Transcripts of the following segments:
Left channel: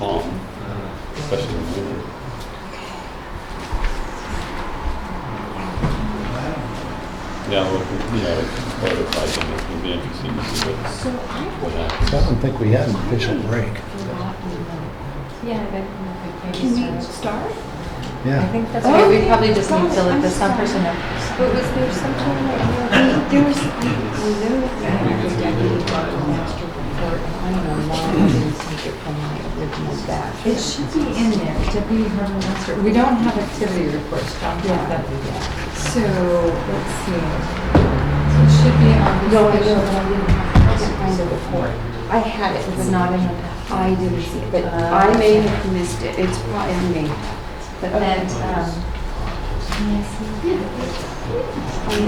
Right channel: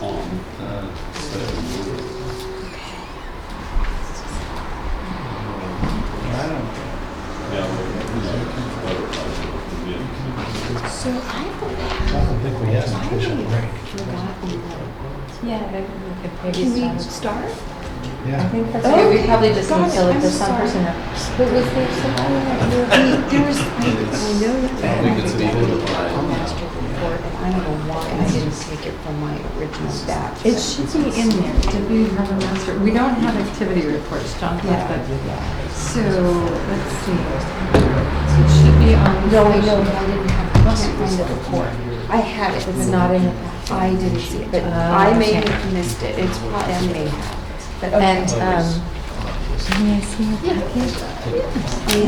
calm, especially in the winter. Yeah, well, prototyping would be interesting to see what. So I don't think we had an official break. Yeah, Can we start? I Yeah. think that's Oh, what we okay. probably just need to let the some person know. But was there something that there was, I know that. I don't know why I didn't take it from my original batch. It should be in there, W. Roman Master. We don't have activity reports, John. Yeah. So, let's see. So it should be on. No, I know, but I didn't find the report. I had it, It's but not in the batch. I didn't see it, but Ah, I may okay. have missed it. It's probably, I may have. But, And,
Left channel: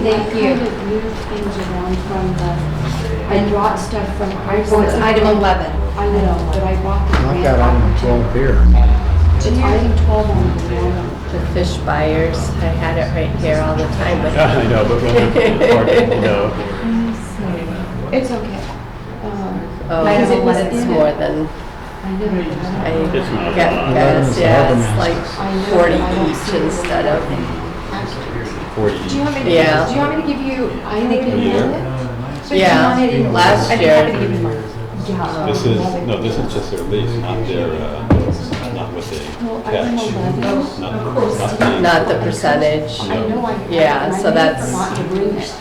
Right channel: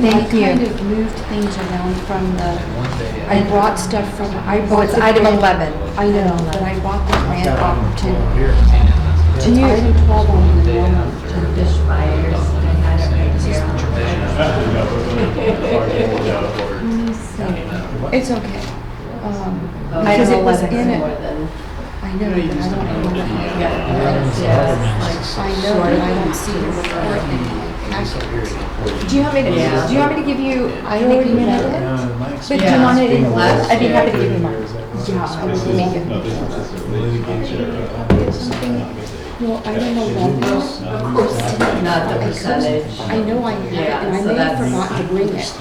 Thank you. I kind of moved things around from the, I brought stuff from, oh, it's item 11. I know, but I bought that I've grant got item 12 opportunity. here. It's item 12 on the wall. The fish buyers, I had it right here all the time. I know, but when hard to hold out. Let me see. It's okay. Oh, Because it was it's in more it. than, I know. I but get, Yeah, yeah, it's I like know, 40 but I don't each see it. instead of, 40. Do you want me to, Yeah. do you want me to give you, I already had it. But do you Yeah, want it in? last I year. tried to give you mine. Yeah. This is, no, this is just their lease, not their, not what they Well, I catch. don't know. Not- Of course. not- not the percentage, I know I had it, Yeah, and I so may have that's- forgot to bring it.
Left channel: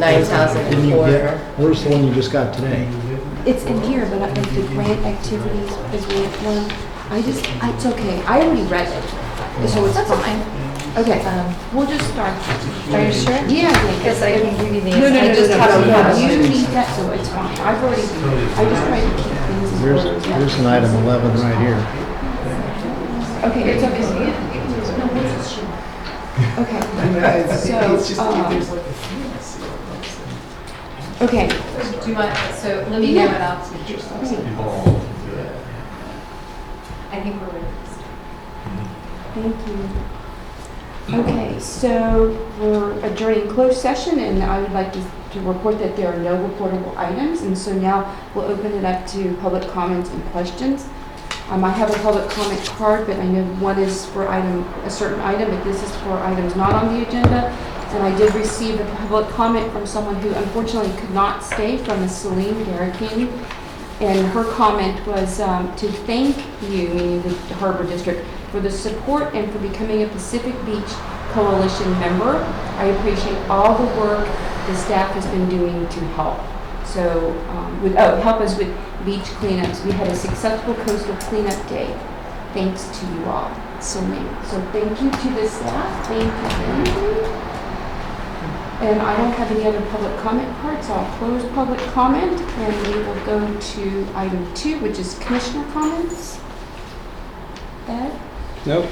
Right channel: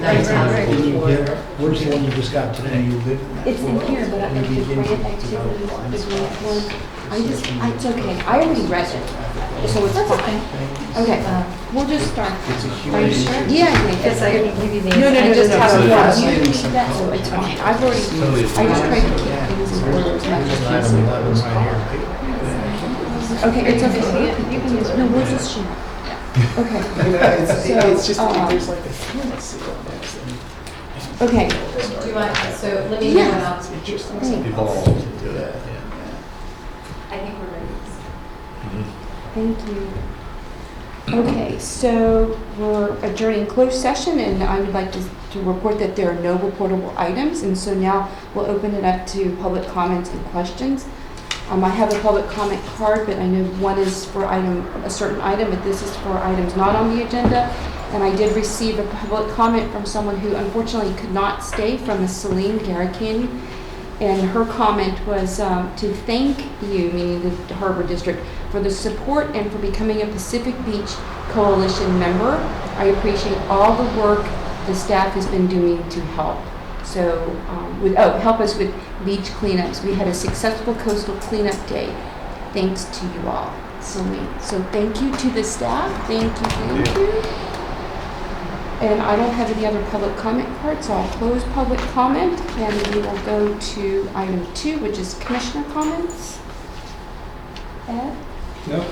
9,000 a quarter. Where's the one you just got today? It's in here, but I think the grant activity, the grant one, it's okay. I already read it, so it's fine. Okay, we'll just start. Are you sure? Yeah, Because I can give you these. No, I just have a yeah, lot. you need that, so it's fine. I've already, I just tried to keep things in order. There's an item 11 right here. Okay, it's okay. No, we'll just share. Okay, so, okay, Do you want, so let me Yeah. know about Evolved. I think we're ready. thank you. Okay, so we're adjourning closed session, and I would like to report that there are no reportable items, and so now we'll open it up to public comments and questions. I have a public comment card, but I know one is for a certain item, but this is for items not on the agenda. And I did receive a public comment from someone who unfortunately could not stay, from Ms. Celine Garricani. And her comment was to thank you, meaning the Harbor District, for the support and for becoming a Pacific Beach Coalition member. I appreciate all the work the staff has been doing to help. So, help us with beach cleanups. We had a successful coastal cleanup day, thanks to you all. So thank you to the staff. Thank you. And I don't have any other public comment cards, so I'll close public comment, and we will go to item 2, which is commissioner comments. Ed? Nope.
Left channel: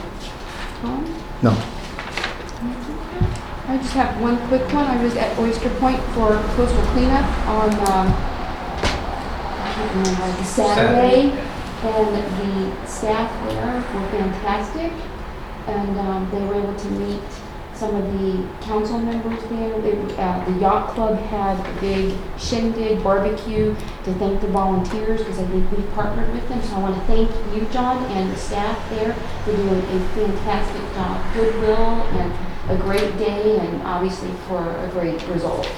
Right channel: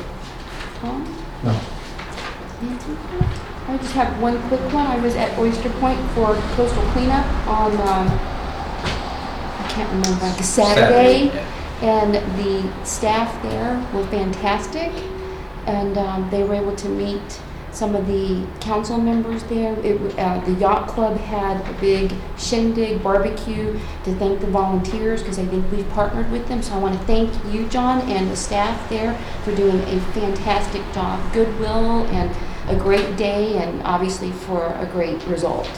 Tom? No. I just have one quick one. I was at Oyster Point for coastal cleanup on, I can't remember, like Saturday. And the staff there were fantastic. And they were able to meet some of the council members there. The yacht club had a big shindig barbecue to thank the volunteers, because I think we've partnered with them. So I want to thank you, John, and the staff there for doing a fantastic job. Goodwill and a great day, and obviously for a great result.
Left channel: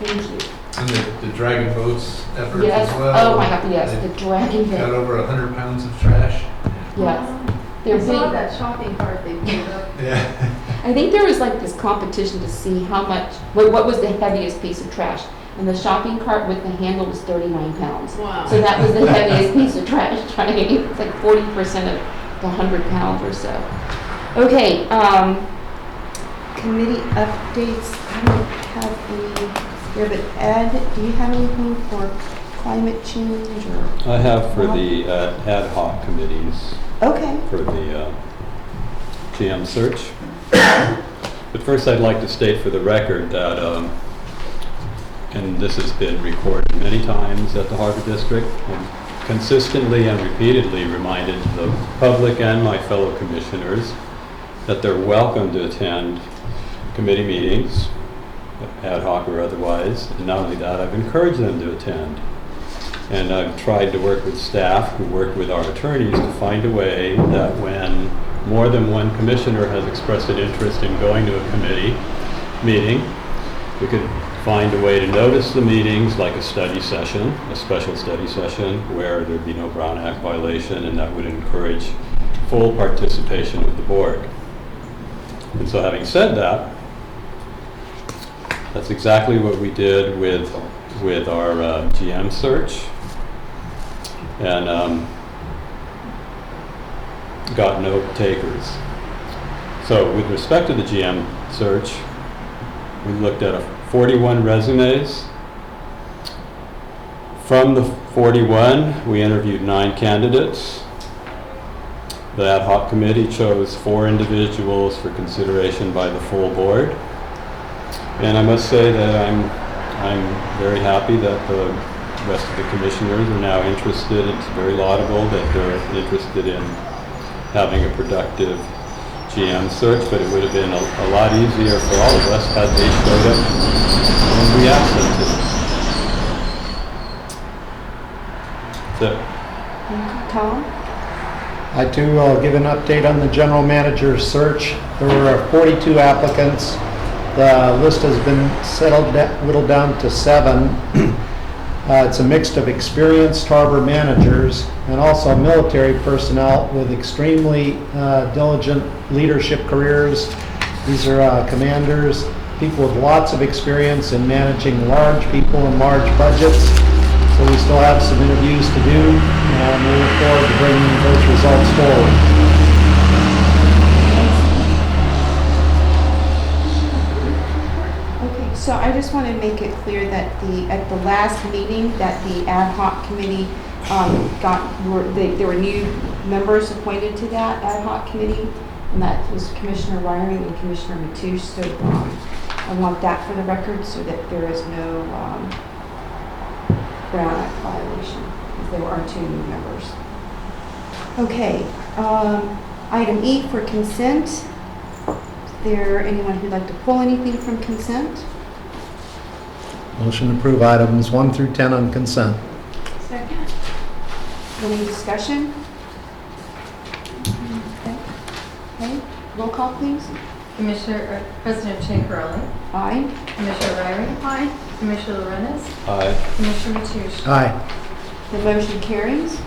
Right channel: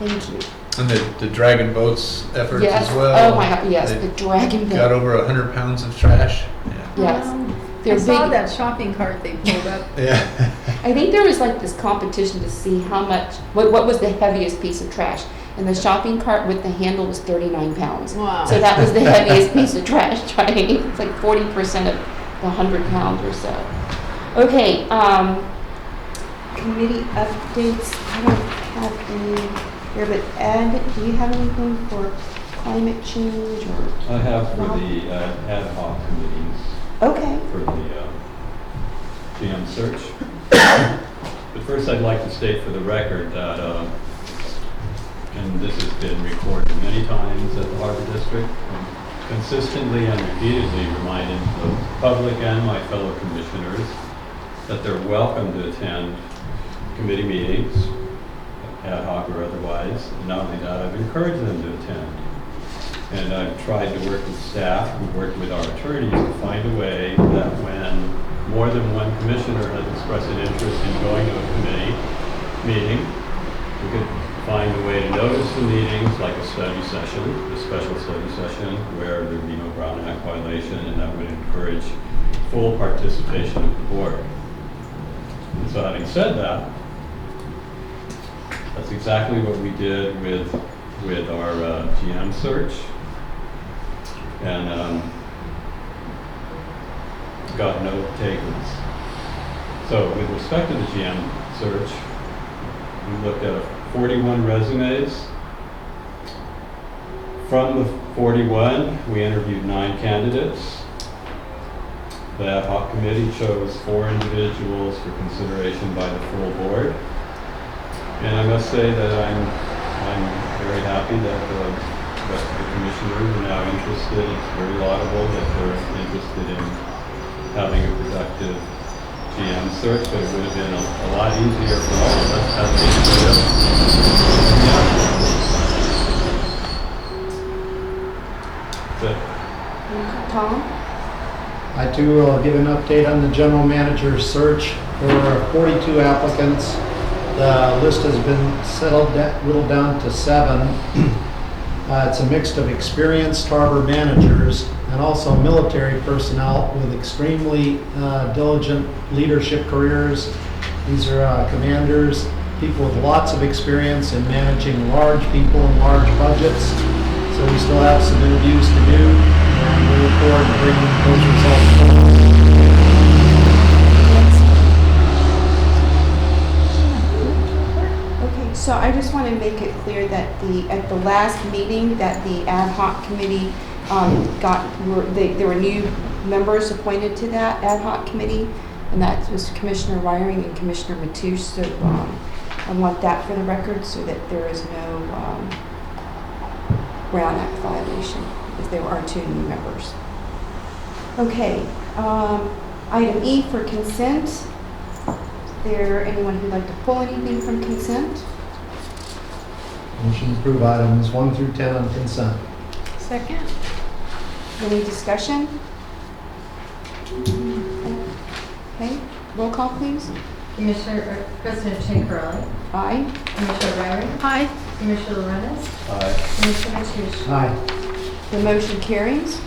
Thank you. And the Dragon Boats efforts Yes. as well. Oh my God, yes, They the dragon got boat. over 100 pounds of trash. Yes. I They're saw big. that shopping cart they pulled up. Yeah. I think there was like this competition to see how much, what was the heaviest piece of trash. And the shopping cart with the handle was 39 pounds. Wow. So that was the heaviest piece of trash. It's like 40% of the 100 pounds or so. Okay, committee updates. I don't have any here, but Ed, do you have anything for climate change or? I have for Rob? the ad hoc committees Okay. for the GM search. But first I'd like to state for the record that, and this has been recorded many times at the Harbor District, and consistently and repeatedly reminded the public and my fellow commissioners that they're welcome to attend committee meetings, ad hoc or otherwise. And not only that, I've encouraged them to attend. And I've tried to work with staff who work with our attorneys to find a way that when more than one commissioner has expressed an interest in going to a committee meeting, we could find a way to notice the meetings like a study session, a special study session, where there'd be no Brown Act violation, and that would encourage full participation of the board. And so having said that, that's exactly what we did with our GM search, and got no takers. So with respect to the GM search, we looked at 41 resumes. From the 41, we interviewed 9 candidates. The ad hoc committee chose 4 individuals for consideration by the full board. And I must say that I'm very happy that the rest of the commissioners are now interested. It's very laudable that they're interested in having a productive GM search, but it would have been a lot easier for all of us had they showed up when we asked them to. That's it. Thank you, Tom. I too will give an update on the general manager search. There were 42 applicants. The list has been whittled down to 7. It's a mix of experienced harbor managers and also military personnel with extremely diligent leadership careers. These are commanders, people with lots of experience in managing large people and large budgets. So we still have some interviews to do, and we look forward to bringing those results forward. Okay, so I just want to make it clear that at the last meeting that the ad hoc committee there were new members appointed to that ad hoc committee, and that was Commissioner Wiring and Commissioner Mateo. So I want that for the record so that there is no Brown Act violation, because there are 2 new members. Okay, item E for consent. Is there anyone who'd like to pull anything from consent? Motion to approve items 1 through 10 on consent. Second? Any discussion? Okay, roll call please. President Shankarelli. Aye. Commissioner Ryrie. Aye. Commissioner Lorenz. Aye. Commissioner Tucci. Aye. The motion carries.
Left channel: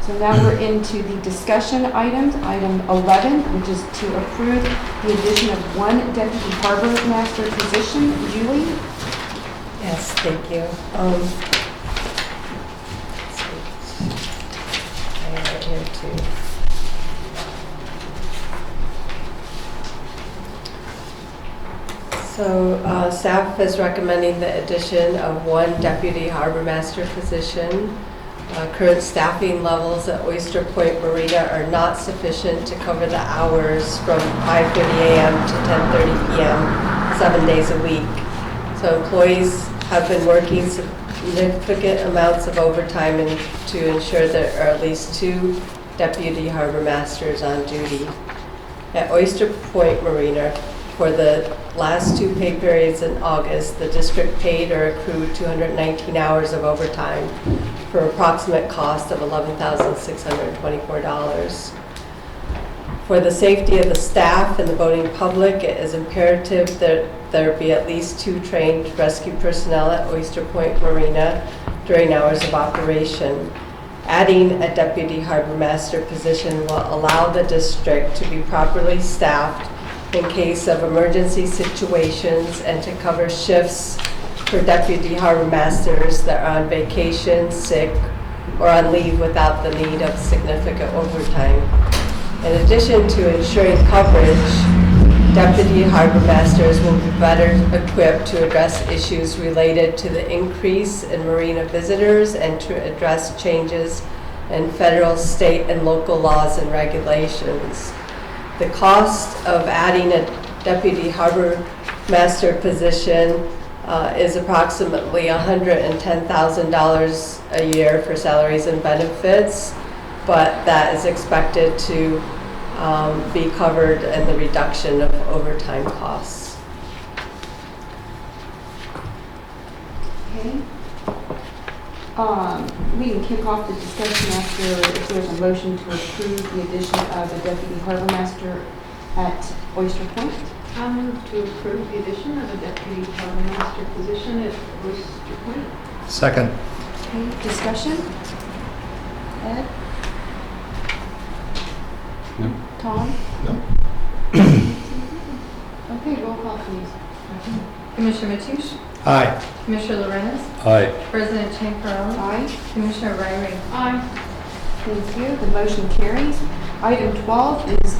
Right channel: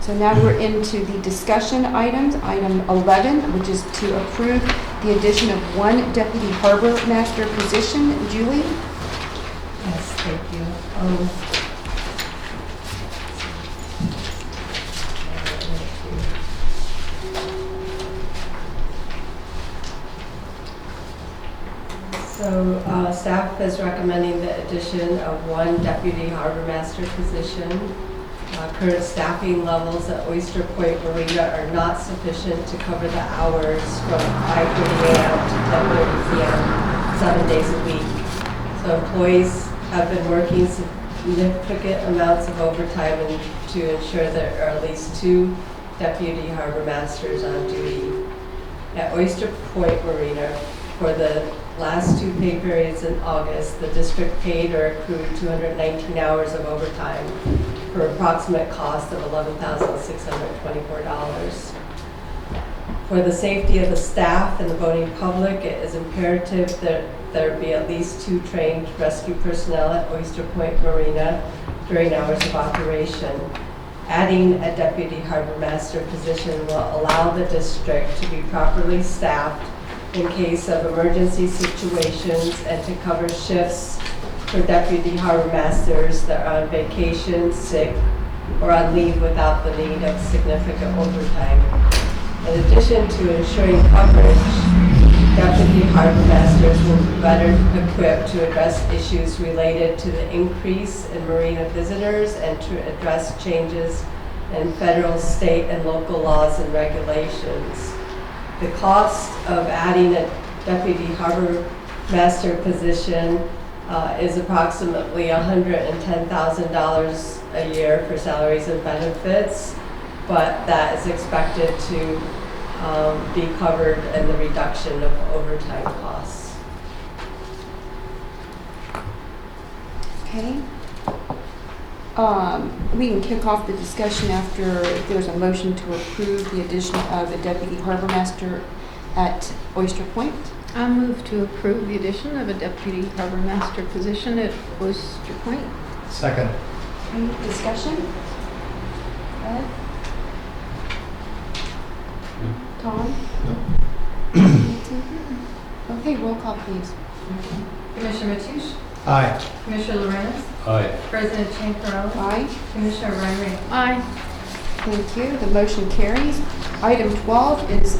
So now we're into the discussion items. Item 11, which is to approve the addition of 1 deputy harbor master position. Julie? Yes, thank you. So staff is recommending the addition of 1 deputy harbor master position. Current staffing levels at Oyster Point Marina are not sufficient to cover the hours from 5:30 a.m. to 10:30 p.m. 7 days a week. So employees have been working significant amounts of overtime to ensure there are at least 2 deputy harbor masters on duty. At Oyster Point Marina, for the last 2 pay periods in August, the district paid or accrued 219 hours of overtime for an approximate cost of $11,624. For the safety of the staff and the boating public, it is imperative that there be at least 2 trained rescue personnel at Oyster Point Marina during hours of operation. Adding a deputy harbor master position will allow the district to be properly staffed in case of emergency situations and to cover shifts for deputy harbor masters that are on vacation, sick, or on leave without the need of significant overtime. In addition to ensuring coverage, deputy harbor masters will be better equipped to address issues related to the increase in marina visitors and to address changes in federal, state, and local laws and regulations. The cost of adding a deputy harbor master position is approximately $110,000 a year for salaries and benefits, but that is expected to be covered in the reduction of overtime costs. Okay. We can kick off the discussion after, if there's a motion to approve the addition of a deputy harbor master at Oyster Point. I'll move to approve the addition of a deputy harbor master position at Oyster Point. Second. Okay, discussion? Ed? No. Tom? No. Okay, roll call please. Commissioner Mateusz, Aye. Commissioner Lorenz, Aye. President Champerlain, Aye. Commissioner Riley. Aye. Thank you. The motion carries. Item 12 is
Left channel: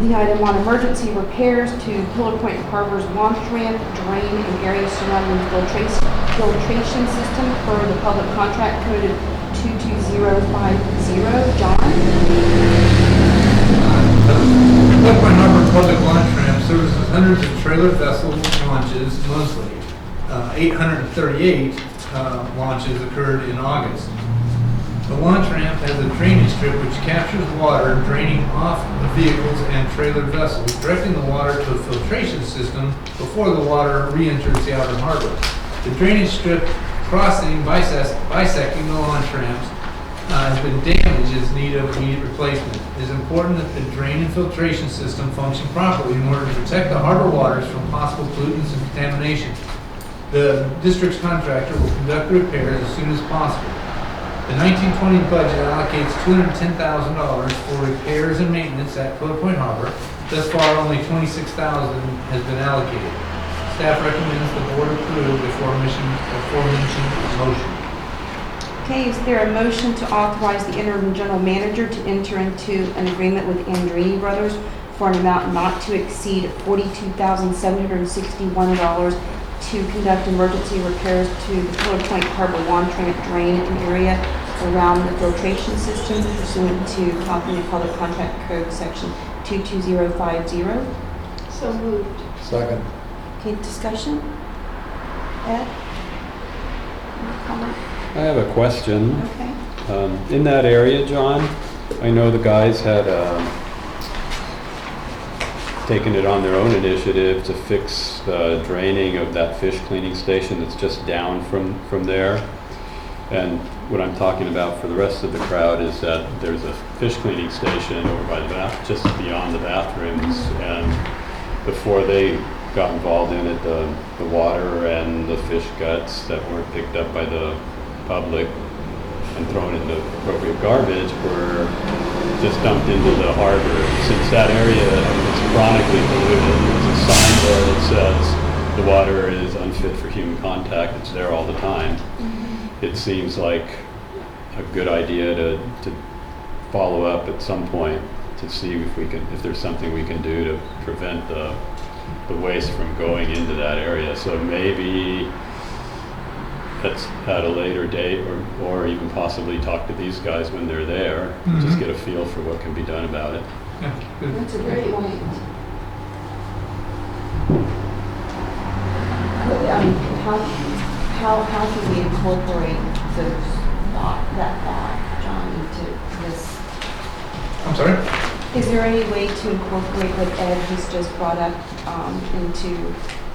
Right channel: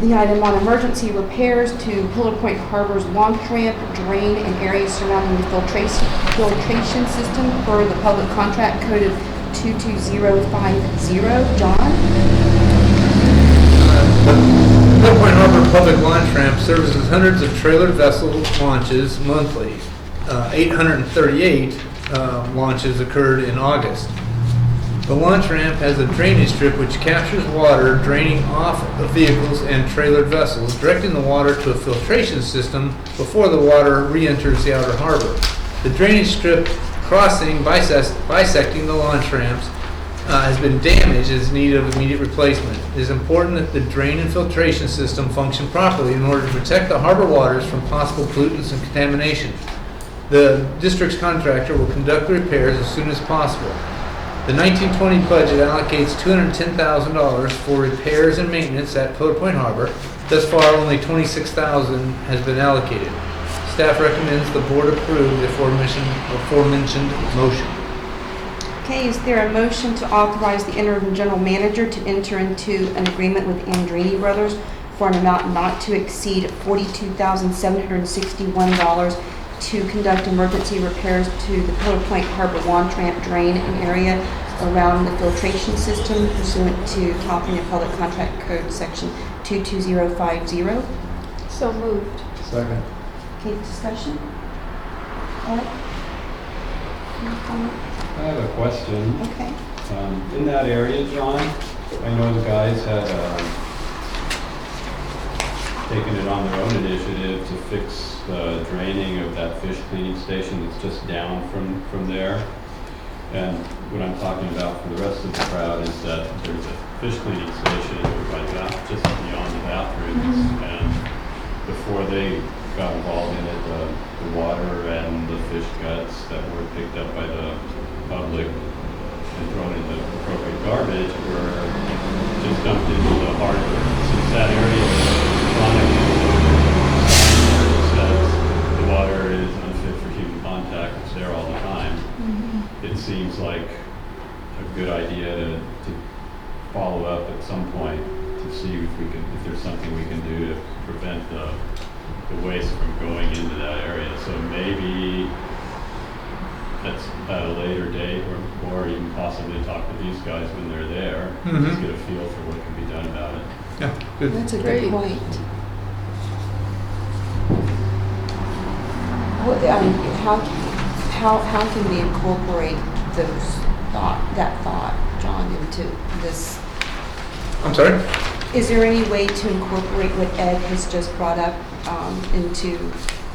the item on emergency repairs to Pillar Point Harbor's launch ramp, drain, and areas surrounding the filtration system per the public contract code of 22050. John? The Pillar Point Harbor Public Launch Ramp services hundreds of trailer vessel launches monthly. 838 launches occurred in August. The launch ramp has a drainage strip which captures water draining off of vehicles and trailer vessels, directing the water to a filtration system before the water re-enters the outer harbor. The drainage strip crossing, bisecting the launch ramps, has been damaged and is in need of immediate replacement. It is important that the drain and filtration system function properly in order to protect the harbor waters from possible pollutants and contamination. The district's contractor will conduct the repairs as soon as possible. The 1920 budget allocates $210,000 for repairs and maintenance at Pillar Point Harbor. Thus far, only $26,000 has been allocated. Staff recommends the board approve the aforementioned motion. Okay, is there a motion to authorize the interim general manager to enter into an agreement with Andrini Brothers for an amount not to exceed $42,761 to conduct emergency repairs to the Pillar Point Harbor launch ramp, drain, and area around the filtration system pursuant to California Public Contract Code Section 22050? So moved. Second. Okay, discussion? Ed? Any comment? I have a question. Okay. In that area, John, I know the guys had taken it on their own initiative to fix the draining of that fish cleaning station that's just down from there. And what I'm talking about for the rest of the crowd is that there's a fish cleaning station over by the just beyond the bathrooms. And before they got involved in it, the water and the fish guts that weren't picked up by the public and thrown in the appropriate garbage were just dumped into the harbor. Since that area is chronically polluted, there's a sign there that says the water is unfit for human contact. It's there all the time. It seems like a good idea to follow up at some point to see if there's something we can do to prevent the waste from going into that area. So maybe that's at a later date, or even possibly talk to these guys when they're there, just get a feel for what can be done about it. Yeah, good. That's a good Great. point. How can we incorporate that thought, John, into this? I'm sorry? Is there any way to incorporate what Ed has just brought up into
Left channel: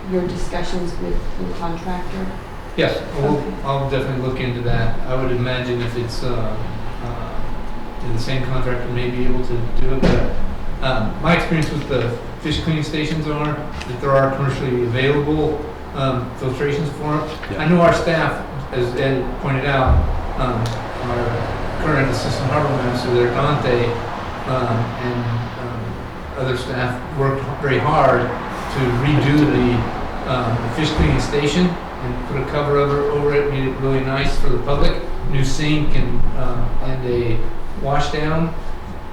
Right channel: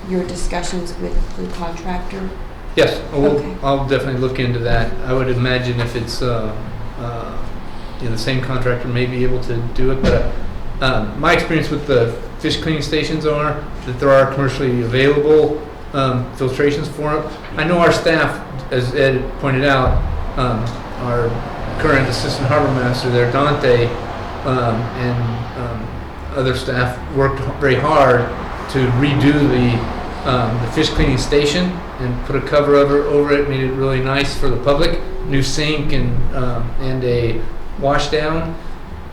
your discussions with the contractor? Yes, Okay. I'll definitely look into that. I would imagine if it's the same contractor may be able to do it, but my experience with the fish cleaning stations are that there are commercially available filtrations for them. Yeah. I know our staff, as Ed pointed out, our current assistant harbor master there, Dante, and other staff worked very hard to redo the fish cleaning station and put a cover over it, made it really nice for the public. New sink and a wash down.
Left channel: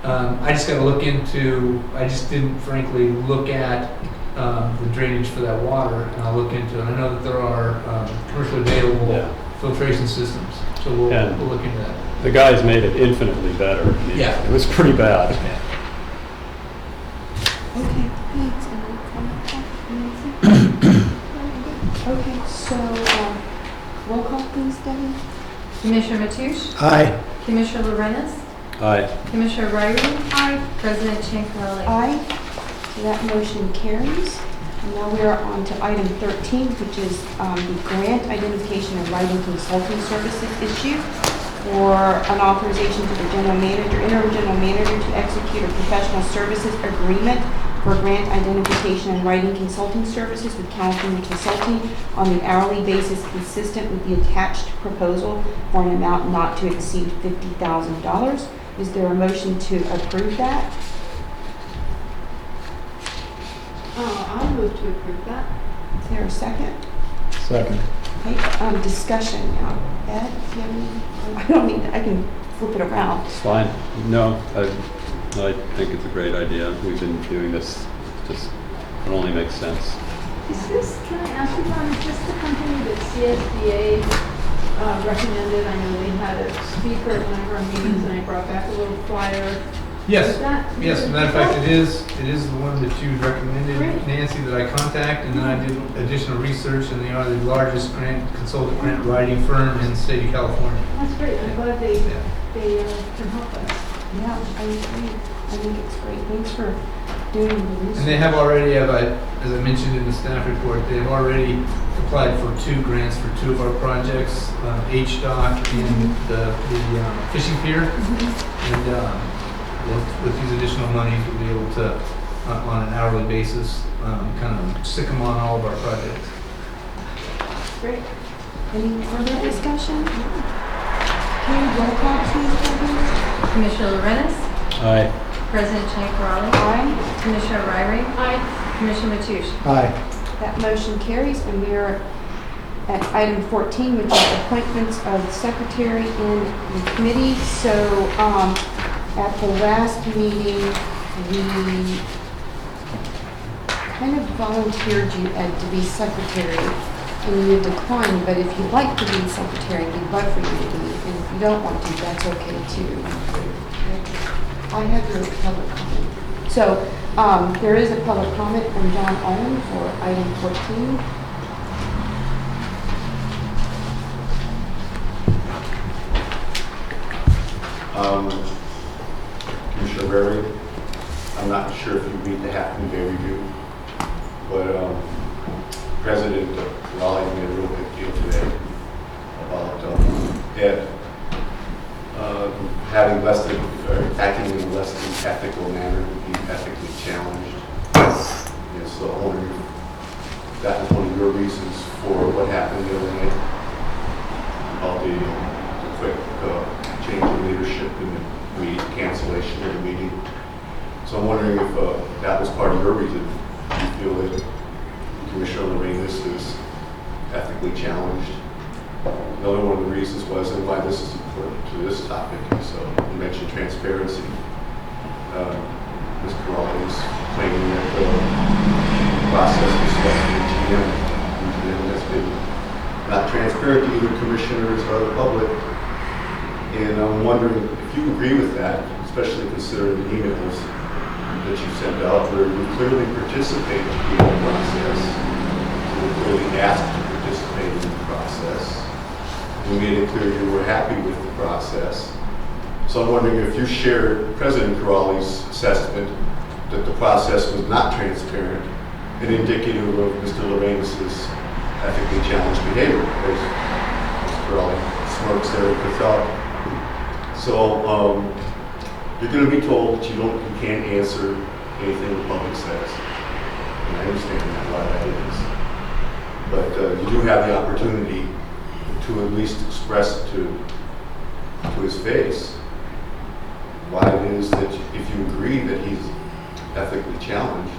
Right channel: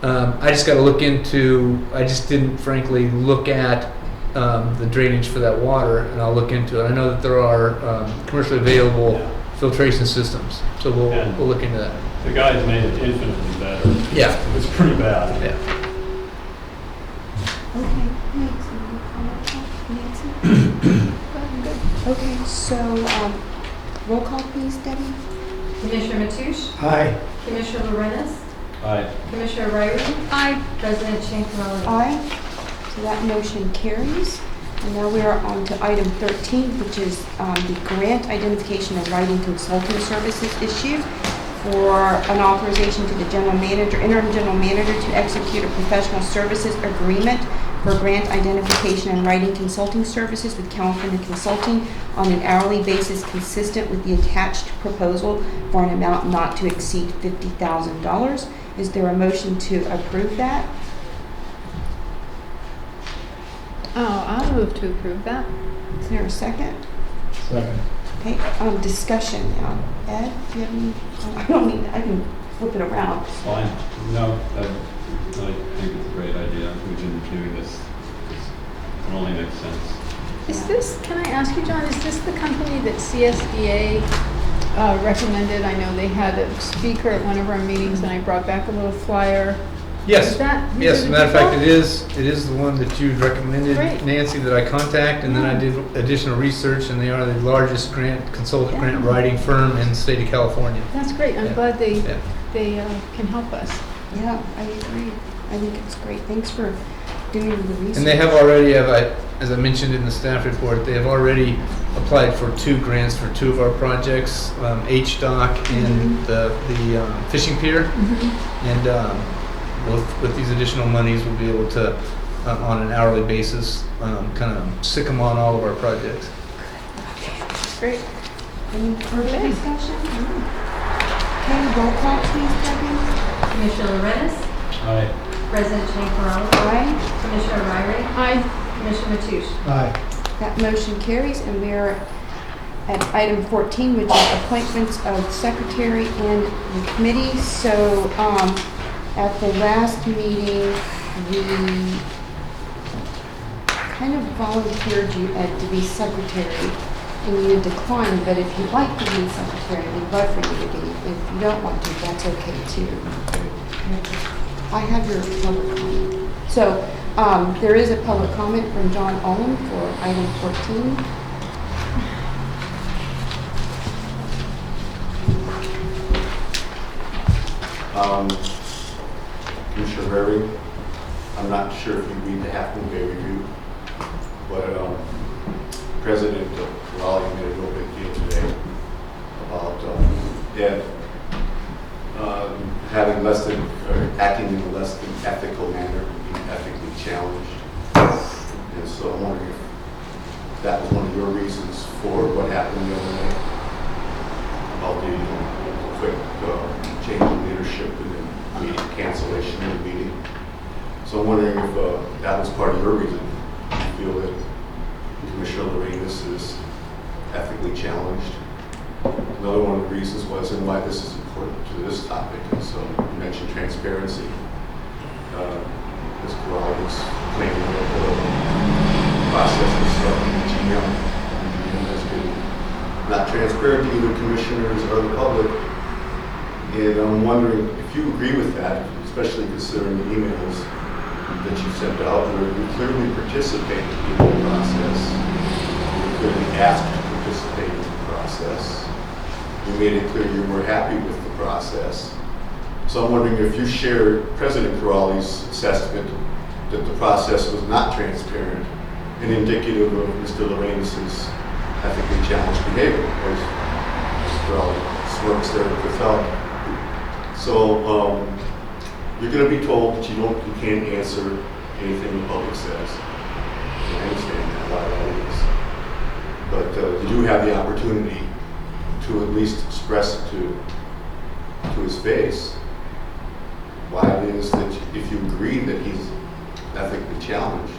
I just got to look into. I just didn't, frankly, look at the drainage for that water, and I'll look into it. I know that there are commercially available Yeah. filtration systems, so we'll look into that. The guys made it infinitely better. Yeah. It was pretty bad. Yeah. Okay, thanks. Any comment on Nancy? Okay, so roll call please, Debbie. Commissioner Mateusz, Aye. Commissioner Lorenz, Aye. Commissioner Riley. Aye. President Champerlain. Aye. So that motion carries. Now we are on to item 13, which is the grant identification and writing consulting services issue for an authorization to the general manager, interim general manager to execute a professional services agreement for grant identification and writing consulting services with California Consulting on an hourly basis consistent with the attached proposal for an amount not to exceed $50,000. Is there a motion to approve that? Oh, I'll move to approve that. Is there a second? Second. Okay, discussion now. Ed, do you have any- I don't need, I can flip it around. It's fine. No, I think it's a great idea. We've been doing this, just, it only makes sense. Is this, can I ask you, John, is this the company that CSDA recommended? I know they had a speaker at one of our meetings and I brought back a little flyer. Yes, Is that- yes, as a matter of fact, it is the one that you recommended, Great. Nancy, that I contact, and then I did additional research, and they are the largest consultant grant writing firm in the state of California. That's great. I'm Yeah. glad they Yeah. can help us. Yeah, I agree. I think it's great. Thanks for doing the research. And they have already, as I mentioned in the staff report, they have already applied for 2 grants for 2 of our projects, HDOC and the fishing pier. And with these additional monies, we'll be able to, on an hourly basis, kind of stick them on all of our projects. Great. Any further discussion? Okay, roll call please, Debbie. Commissioner Lorenz, Aye. President Champerlain, Aye. Commissioner Ryrie, Aye. Commissioner Mathush. Aye. That motion carries, and we're at item 14, which is appointments of secretary and the committee. So, at the last meeting, we kind of volunteered you, Ed, to be secretary, and you declined, but if you'd like to be secretary, we'd love for you to be, and if you don't want to, that's okay too. I have your public comment. So, there is a public comment from John Owen for item 14. Commissioner Berry, I'm not sure if you read the Half-Moon Day Review, but President Raleigh made a real big deal today about Ed having less than, or acting in a less than ethical manner, being ethically challenged. And so I wonder if that was one of your reasons for what happened the other night about the quick change in leadership and the cancellation of the meeting. So I'm wondering if that was part of your reason. Do you feel that Commissioner Lorenz is ethically challenged? Another one of the reasons was, and why this is important to this topic, so you mentioned transparency. Mr. Raleigh is claiming that the process was selected in GM. And GM has been not transparent to either commissioners or the public. And I'm wondering if you agree with that, especially considering the emails that you sent out where you clearly participated in the process. You were clearly asked to participate in the process. You made it clear you were happy with the process. So I'm wondering if you share President Corrali's assessment that the process was not transparent and indicative of Mr. Lorenz's ethically challenged behavior, as Mr. Corrali smirks there at the fellow. So you're going to be told that you can't answer anything the public says. And I understand that, why that is. But you do have the opportunity to at least express to his face why it is that if you agree that he's ethically challenged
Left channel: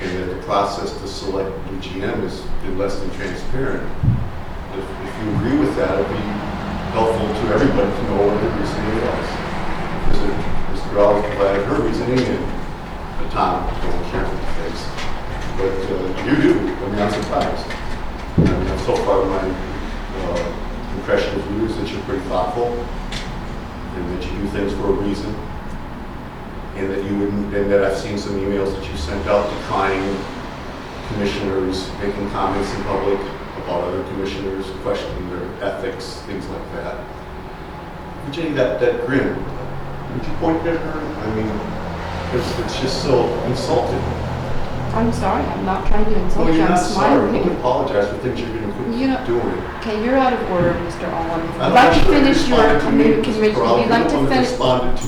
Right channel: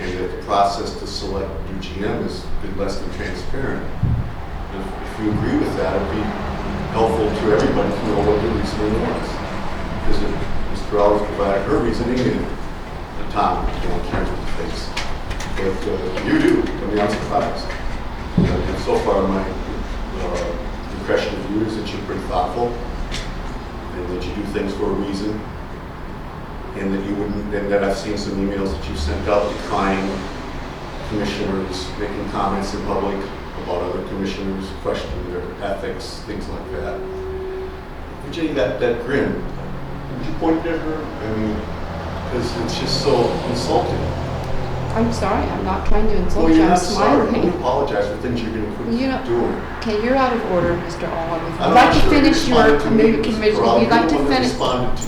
and that the process to select new GM is less than transparent, if you agree with that, it'd be helpful to everybody to know what your reasoning was. Because Ms. Corrali provided her reasoning and Tom don't care for the face. But you do. I mean, I'm surprised. So far, my impression of you is that you're pretty thoughtful and that you do things for a reason, and that you wouldn't, and that I've seen some emails that you sent out decrying commissioners making comments in public about other commissioners, questioning their ethics, things like that. Virginia, that grin, would you point at her? I mean, because it's just so insulting. I'm sorry, I'm not trying to insult Well, you, you're I'm not sorry. Don't smiling. apologize for things you're going to You know- quit doing. Okay, you're out of order, Mr. Allen. If you'd I'm like not to sure you finish your responded to me, Mrs. commission, Corral. if you'd like You're the to one that finish, responded to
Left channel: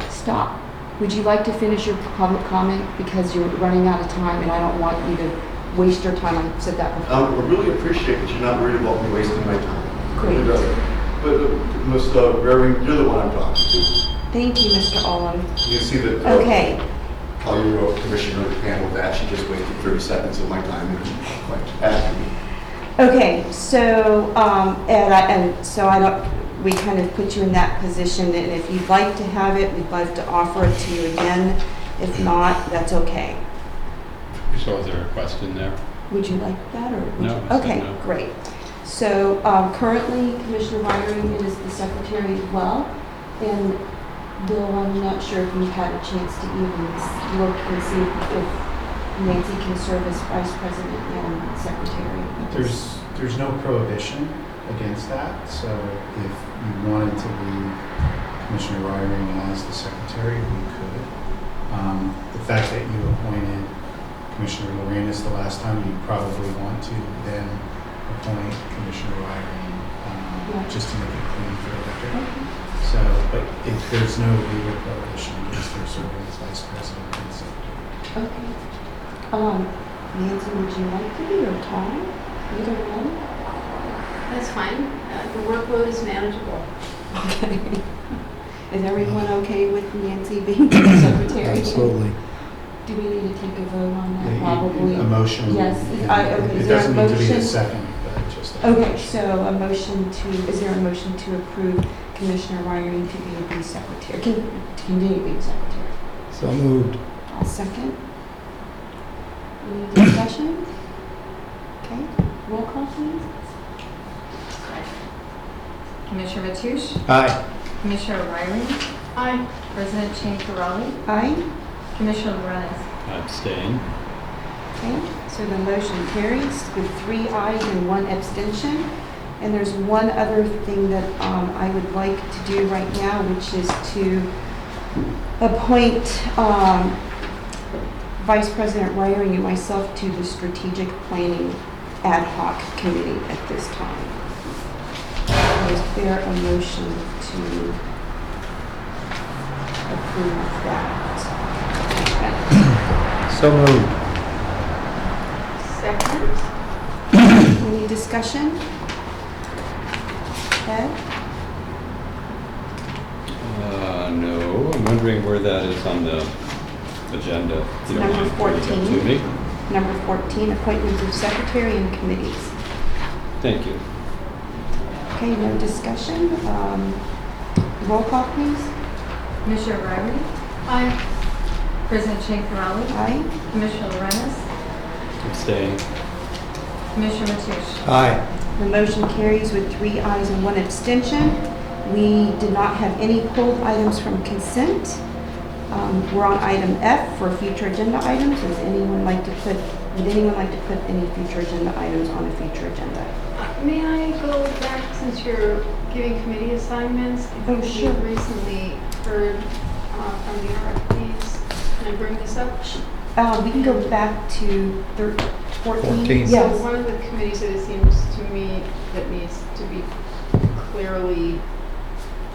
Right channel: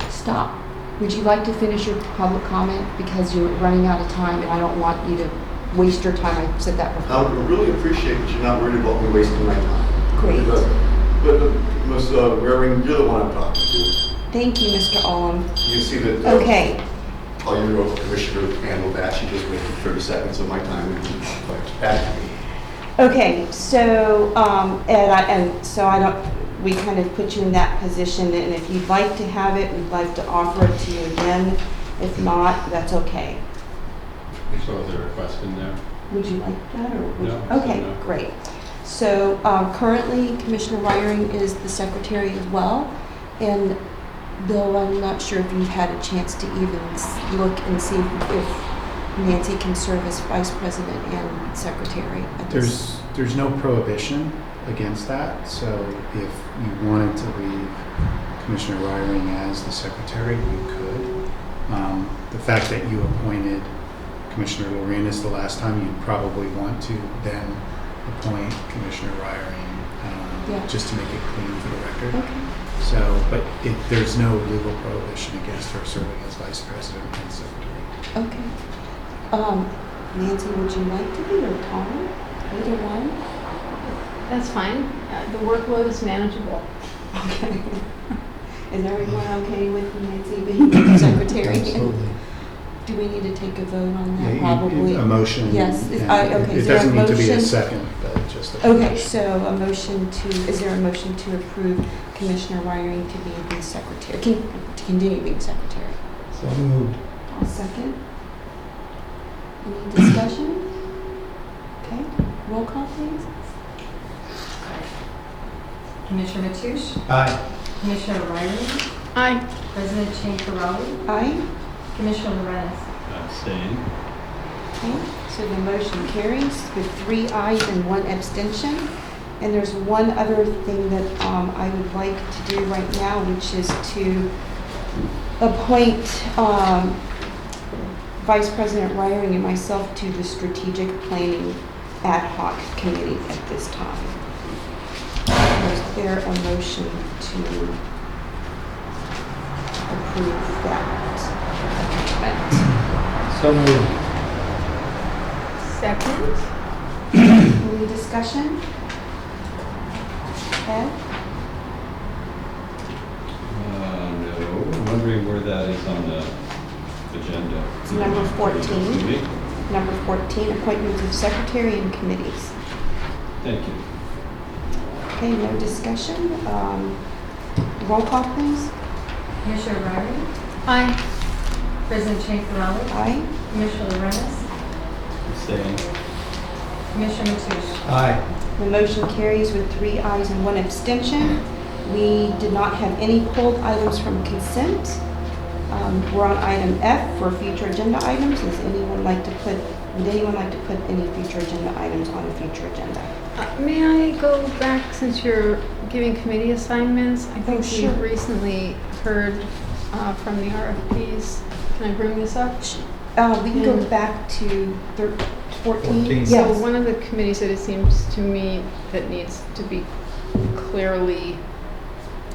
me. stop. Would you like to finish your public comment? Because you're running out of time and I don't want you to waste your time. I said that before. I really appreciate that you're not worried about me wasting my time. Great. But Ms. Rarian, you're the one I'm talking to. Thank you, Mr. Allen. You see that Okay, how your commissioner handled that. She just wasted 30 seconds of my time and like back at me. okay, so, so I don't, we kind of put you in that position, and if you'd like to have it, we'd like to offer it to you again. If not, that's okay. So is there a question there? Would you like that, or would No, you? I said Okay, no. great. So, currently, Commissioner Wiring is the secretary as well, and Bill, I'm not sure if you've had a chance to even look and see if Nancy can serve as vice president and secretary. at this- There's no prohibition against that, so if you wanted to leave Commissioner Wiring as the secretary, you could. The fact that you appointed Commissioner Lorenz the last time, you'd probably want to then appoint Commissioner Wiring, Yeah. just to make it clean for the record. Okay. So, but there's no legal prohibition against her serving as vice president and secretary. Okay. Nancy, would you like to be, or Tom? Either one? That's fine. The workload is manageable. Okay. Is everyone okay with Nancy being the secretary? Absolutely. Do we need to take a vote on that? Yeah, Probably. A motion. Yes, yeah. okay, It is there a doesn't need to be a motion? second, but just a Okay, motion. so a motion to, is there a motion to approve Commissioner Wiring to be the secretary, to continue being secretary? So moved. I'll second. Any discussion? Okay, roll call please. Commissioner Mathush, Aye. Commissioner O'Reilly, Aye. President Chang-Farrelly, Aye. Commissioner Lorenz. Abstain. Okay, so the motion carries with 3 ayes and 1 abstention. And there's one other thing that I would like to do right now, which is to appoint Vice President Wiring and myself to the Strategic Planning Ad Hoc Committee at this time. Is there a motion to approve that appointment? So moved. Second. Any discussion? Ed? No, I'm wondering where that is on the agenda. It's number 14. Excuse me? Number 14, appointments of secretary and committees. Thank you. Okay, no discussion. Roll call, please. Commissioner O'Reilly, Aye. President Chang-Farrelly, Aye. Commissioner Lorenz, Abstain. Commissioner Mathush. Aye. The motion carries with 3 ayes and 1 abstention. We did not have any pulled items from consent. We're on item F for future agenda items. Would anyone like to put any future agenda items on the future agenda? May I go back, since you're giving committee assignments? I think sure. we recently heard from the RFPs. Can I bring this up? We can go back to 14. 14. Yes. So one of the committees that it seems to me that needs to be clearly,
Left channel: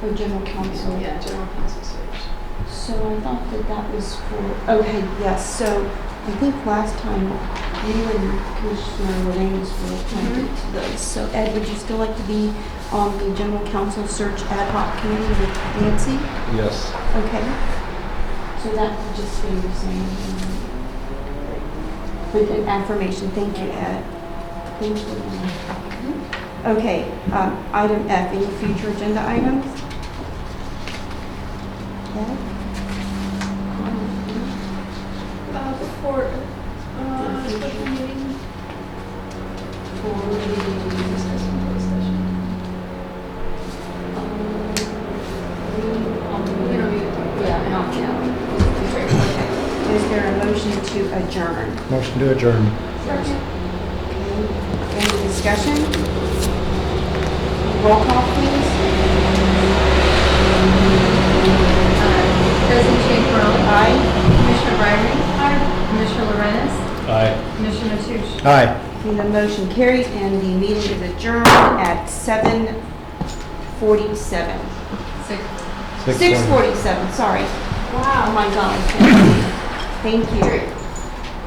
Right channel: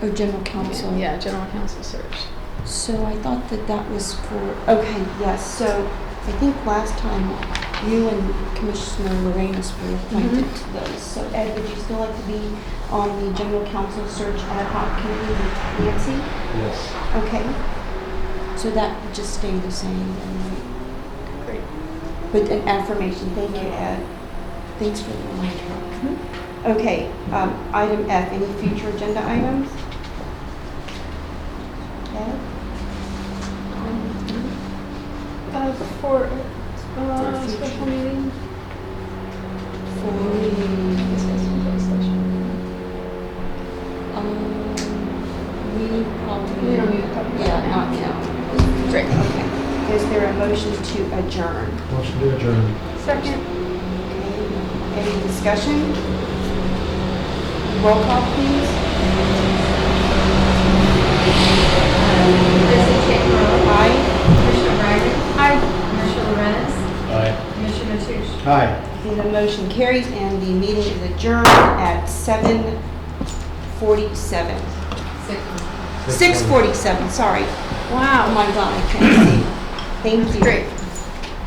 Oh, general counsel. yeah, general counsel search. So I thought that that was for, okay, yes, so I think last time you and Commissioner Lorenz were appointed to those. So Ed, would you still like to be on the general counsel search ad hoc committee with Nancy? Yes. Okay. So that would just stay the same. Great. With an affirmation, thank you, Ed. Thanks for reminding me. Okay, item F, any future agenda items? Ed? For, special meeting? Discuss in closed session. We don't need to talk about Yeah, that not now. now. Great. Okay. Is there a motion to adjourn? Motion to adjourn. Second. Okay. Any discussion? Roll call, please. President Chang-Farrelly, Aye. Commissioner O'Reilly, Aye. Commissioner Aye. And the motion carries, and the meeting is adjourned at 7:47. 6:47, sorry. Oh Wow. my God, I can't see. Thank you. Great.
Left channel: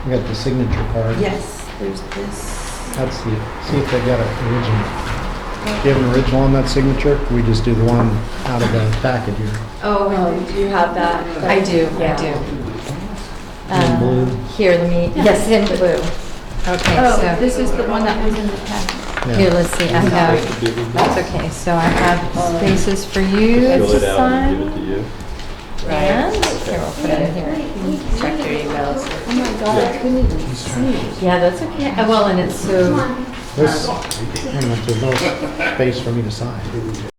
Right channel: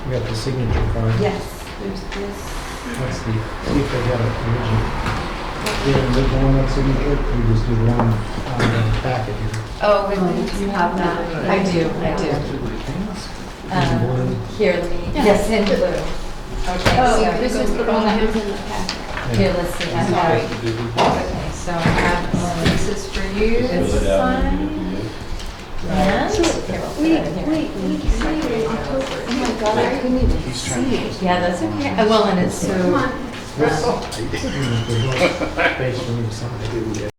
We got the signature card. Yes, there's this. Let's see if they got an original. Do you have an original on that signature? We just do the one out of the packet here. Oh, you have that? I do, I do. In blue. Here, let me, yes, in blue. Okay, Oh, so, this is the one that was in the packet. here, let's see, I have, that's okay, so I have spaces for you Fill to it out and sign. give it to you. And, here, we'll put it here. Check your emails. Oh my God, I couldn't even see it. Yeah, that's okay. Well, and it's so, This, there's no space for me to sign.